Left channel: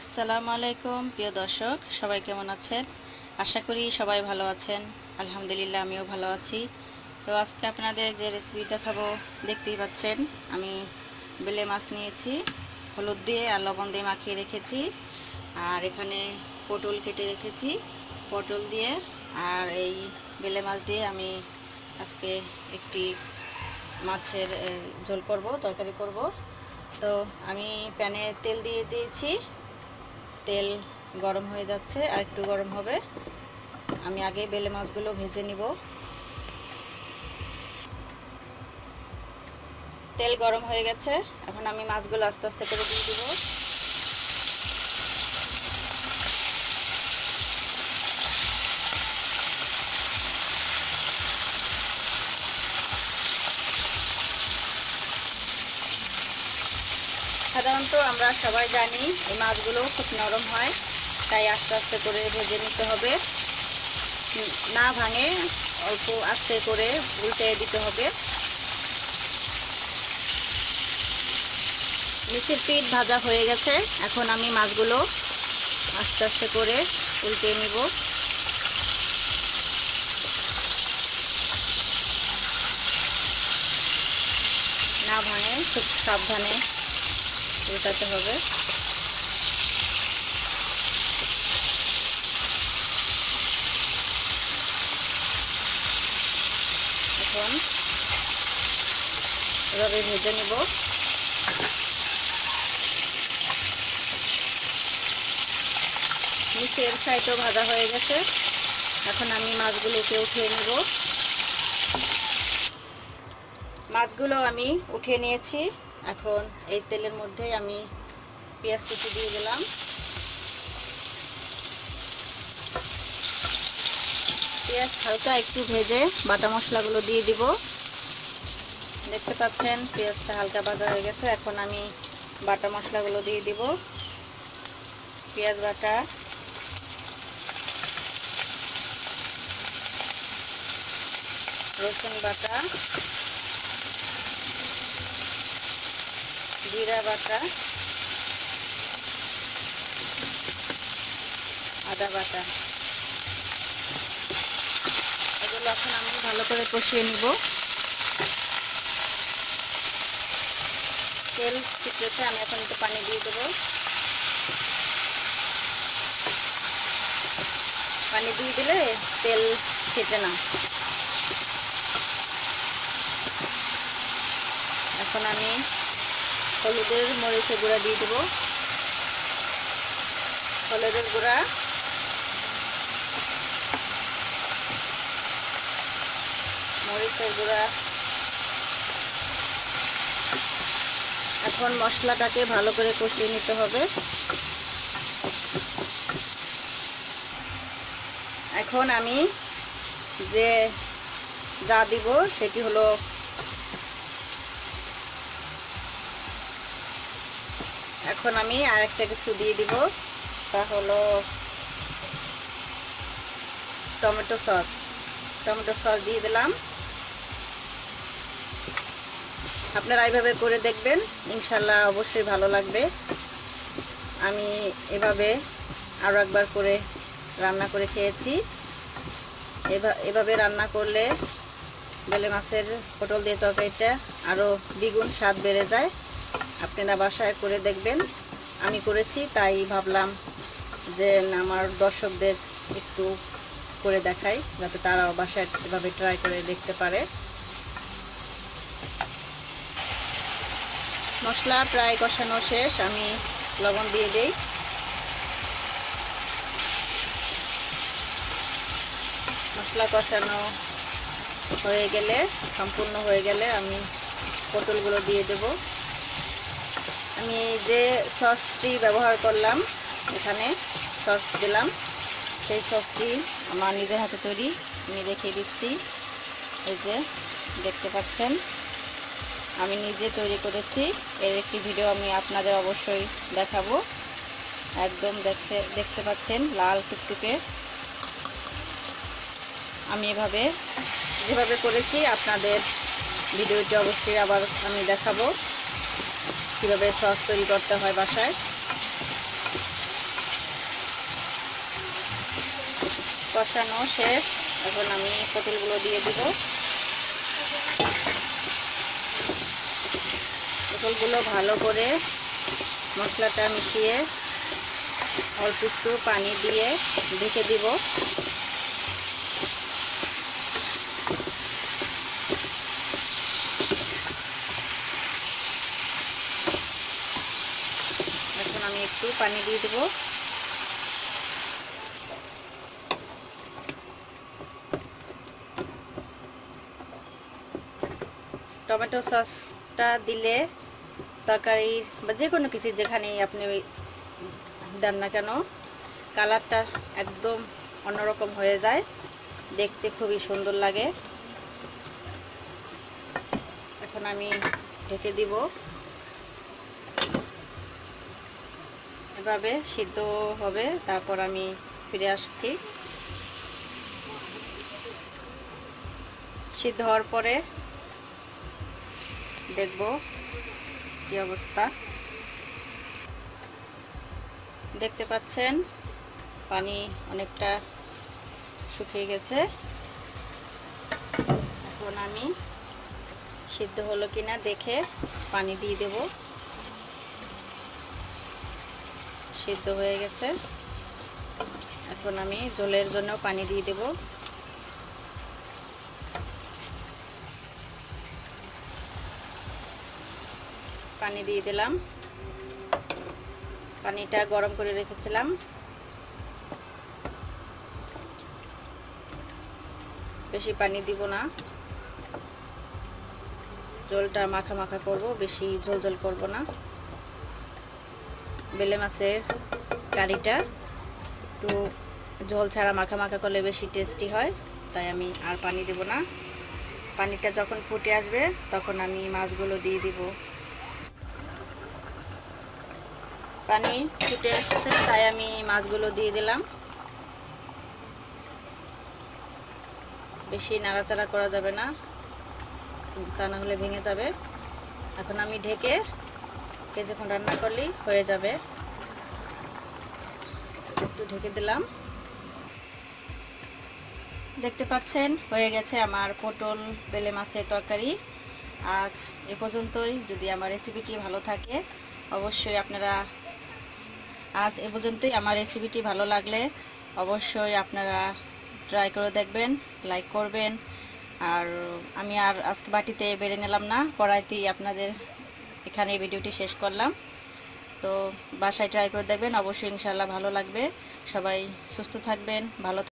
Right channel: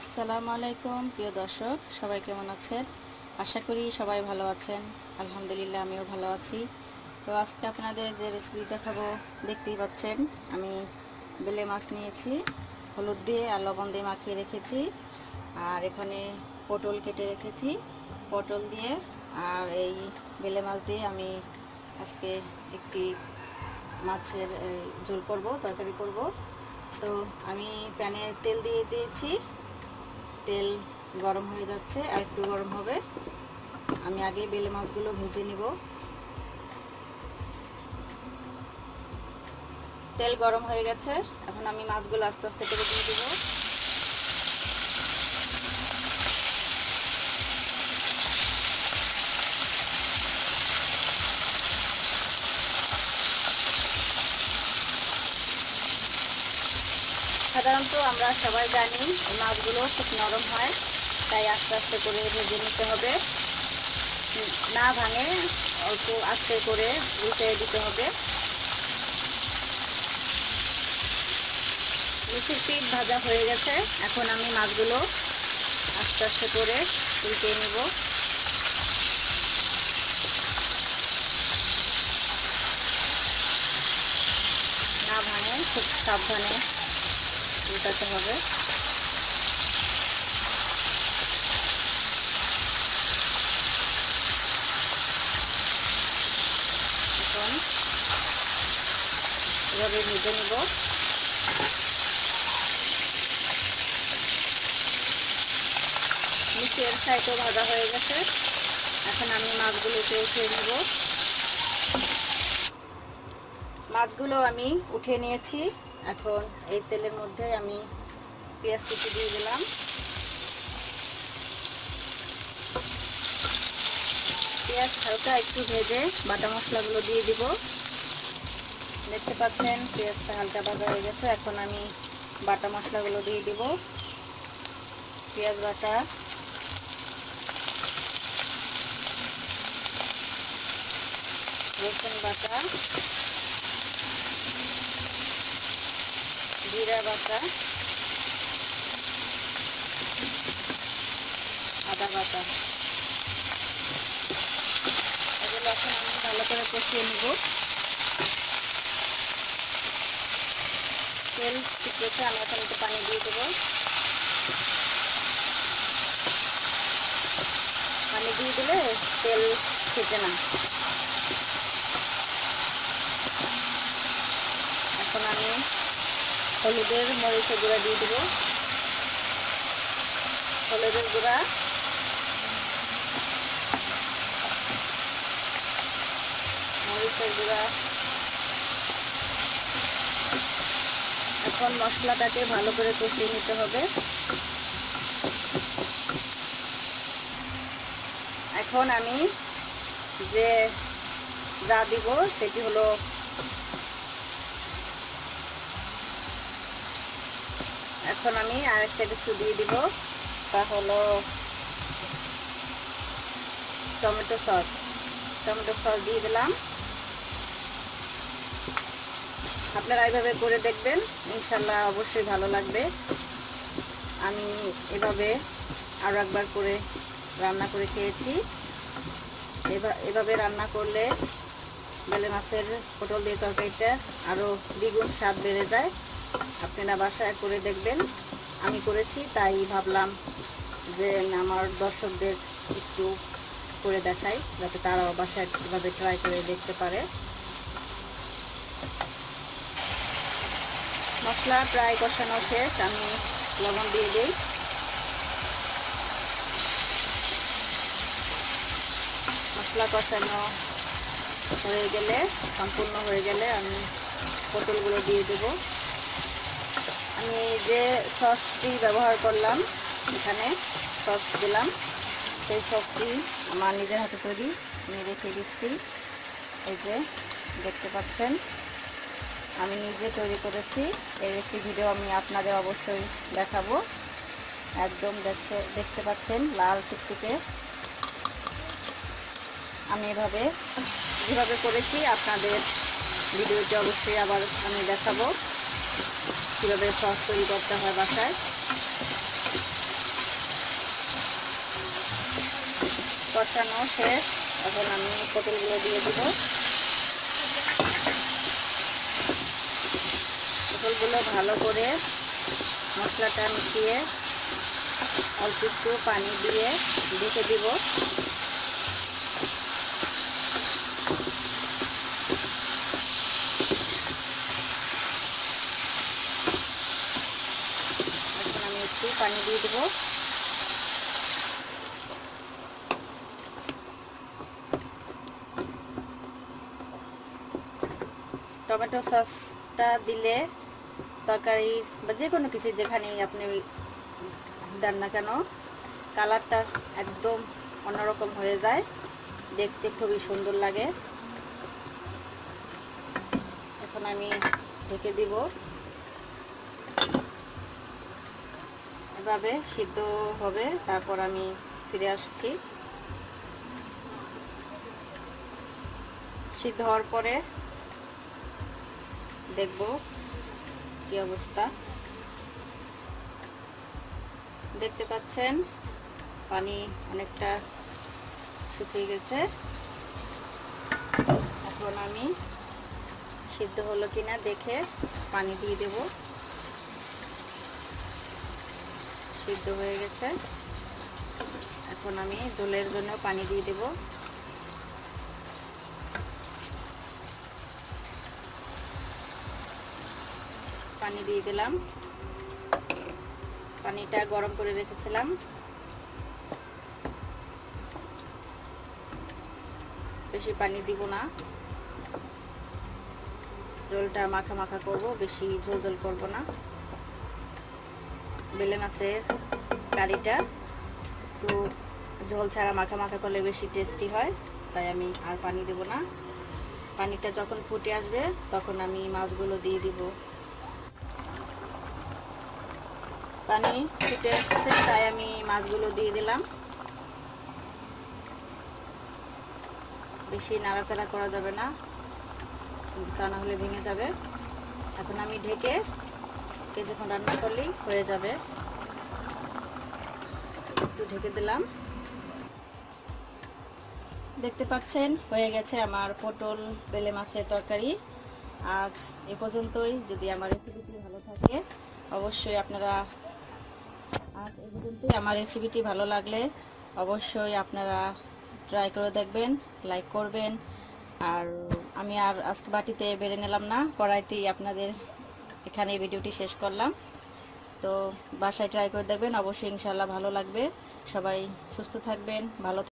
আসসালামু আলাইকুম প্রিয় দর্শক, সবাই কেমন আছেন? আশা করি সবাই ভালো আছেন। আলহামদুলিল্লাহ, আমিও ভালো আছি। তো আজকে আপনাদের যে রেসিপি দেখাবো, দেখতেই পাচ্ছেন আমি বেলে মাছ নিয়েছি, হলুদ দিয়ে আর লবণ দিয়ে মাখিয়ে রেখেছি। আর এখানে পটল কেটে রেখেছি, পটল দিয়ে আর এই বেলে মাছ দিয়ে আমি আজকে একটি মাছের ঝোল করব, তরকারি করব। তো আমি প্যানে তেল দিয়ে দিয়েছি, তেল গরম হয়ে যাচ্ছে, আর একটু গরম হবে। আমি আগে বেলে মাছগুলো ভেজে নিব। তেল গরম হয়ে গেছে, এখন আমি মাছগুলো আস্তে আস্তে করে দিয়ে দিব। সাধারণত আমরা সবাই জানি এই মাছগুলো খুব নরম হয়, তাই আস্তে আস্তে করে ভেজে নিতে হবে, না ভাঙে অল্প আস্তে করে উল্টে দিতে হবে। নিচের পিঠ ভাজা হয়ে গেছে, এখন আমি মাছগুলো আস্তে আস্তে করে উল্টে নিব। না ভাঙে খুব সাবধানে উল্টাতে হবে। এখন এভাবে ভেজে নিব। নিচের সাইডও ভাজা হয়ে গেছে, এখন আমি মাছগুলোকে উঠিয়ে নেব। মাছগুলো আমি উঠিয়ে নিয়েছি। এখন এই তেলের মধ্যে আমি পেঁয়াজ কুচি দিয়ে দিলাম। পেঁয়াজ হালকা একটু ভেজে বাটা মশলাগুলো দিয়ে দিব। দেখতে পাচ্ছেন পেঁয়াজটা হালকা ভাজা হয়ে গেছে, এখন আমি বাটা মশলাগুলো দিয়ে দিব। পেঁয়াজ বাটা, রসুন বাটা, জিরা বাটা, আদা বাটা, এগুলো এখন আমি ভালো করে কষিয়ে নিব। তেল শুকিয়েছে, আমি এখন একটু পানি দিয়ে দেবো। পানি দিয়ে দিলে তেল খেতে না। এখন আমি হলুদের মরিচের গুঁড়া দিয়ে দেবো। হলুদের গুঁড়া, মরিচের গুঁড়া। এখন মশলাটাকে ভালো করে কষিয়ে নিতে হবে। এখন আমি যা দিব সেটি হলো এখন আমি আরেকটা কিছু দিয়ে দিব, তা হলো টমেটো সস। টমেটো সস দিয়ে দিলাম। আপনারা এইভাবে করে দেখবেন, ইনশাল্লাহ অবশ্যই ভালো লাগবে। আমি এভাবে আরও একবার করে রান্না করে খেয়েছি। এভাবে রান্না করলে বেলে মাছের পটল দিয়ে তরকারিটা আরও দ্বিগুণ স্বাদ বেড়ে যায়। আপনারা বাসায় করে দেখবেন। আমি করেছি, তাই ভাবলাম যে আমার দর্শকদের একটু করে দেখাই, যাতে তারাও বাসায় এভাবে ট্রাই করে দেখতে পারে। মশলা প্রায় কষানো শেষ, আমি লবণ দিয়ে দিই। মশলা কষানো হয়ে গেলে, সম্পূর্ণ হয়ে গেলে আমি পটলগুলো দিয়ে দেব। আমি যে সসটি ব্যবহার করলাম, এখানে সস দিলাম, সেই সসটি আমার নিজের হাতে তৈরি, আমি রেখে দিচ্ছি। এই যে দেখতে পাচ্ছেন আমি নিজে তৈরি করেছি। এর একটি ভিডিও আমি আপনাদের অবশ্যই দেখাবো। একদম দেখতে পাচ্ছেন লাল টুকটুকে। আমি যেভাবে করেছি আপনাদের ভিডিওটি অবশ্যই আবার আমি দেখাবো, কীভাবে সস তৈরি করতে হয় বাসায়। কষানো শেষ। এখন আমি পটলগুলো দিয়ে দিব। পটলগুলো ভালো করে মশলাটা মিশিয়ে অল্প একটু পানি দিয়ে ঢেকে দিব। এখন আমি একটু পানি দিয়ে দেব। টমেটো সসটা দিলে তরকারি বা যে কোনো কিছু যেখানেই আপনি দেন না কেন কালারটা একদম অন্যরকম হয়ে যায়, দেখতে খুবই সুন্দর লাগে। এখন আমি ঢেকে দিব। এভাবে সিদ্ধ হবে, তারপর আমি ফিরে আসছি। সিদ্ধ হওয়ার পরে দেখব কি অবস্থা। দেখতে পাচ্ছেন পানি অনেকটা শুকিয়ে গেছে। এখন আমি সিদ্ধ হলো কিনা দেখে পানি দিয়ে দেব। সিদ্ধ হয়ে গেছে। এখন আমি ঝোলের জন্য পানি দিয়ে দেব। পানি দিয়ে দিলাম। পানিটা গরম করে রেখেছিলাম। বেশি পানি দিব না, ঝোলটা মাখা মাখা করব, বেশি ঝোল ঝোল করব না। বেলে মাছের কারিটা একটু ঝোল ছাড়া মাখা মাখা করলে বেশি টেস্টি হয়, তাই আমি আর পানি দেব না। পানিটা যখন ফুটে আসবে তখন আমি মাছগুলো দিয়ে দিব। পানি ফুটে এসেছে তাই আমি মাছগুলো দিয়ে দিলাম। বেশি নাড়াচাড়া করা যাবে না, তা না হলে ভেঙে যাবে। এখন আমি ঢেকে কিছুক্ষণ রান্না করলেই হয়ে যাবে। একটু ঢেকে দিলাম। দেখতে পাচ্ছেন হয়ে গেছে আমার পটল বেলে মাছের তরকারি। আজ এ পর্যন্তই। যদি আমার রেসিপিটি ভালো থাকে অবশ্যই আপনারা আজ এ পর্যন্তই। আমার রেসিপিটি ভালো লাগলে অবশ্যই আপনারা ট্রাই করে দেখবেন, লাইক করবেন। আর আমি আর আজকে বাটিতে বেড়ে নিলাম না, কড়াইতেই আপনাদের এখানে ভিডিওটি শেষ করলাম। তো বাসায় ট্রাই করে দেখবেন, অবশ্যই ইনশাআল্লাহ ভালো লাগবে। সবাই সুস্থ থাকবেন, ভালো থাকবেন।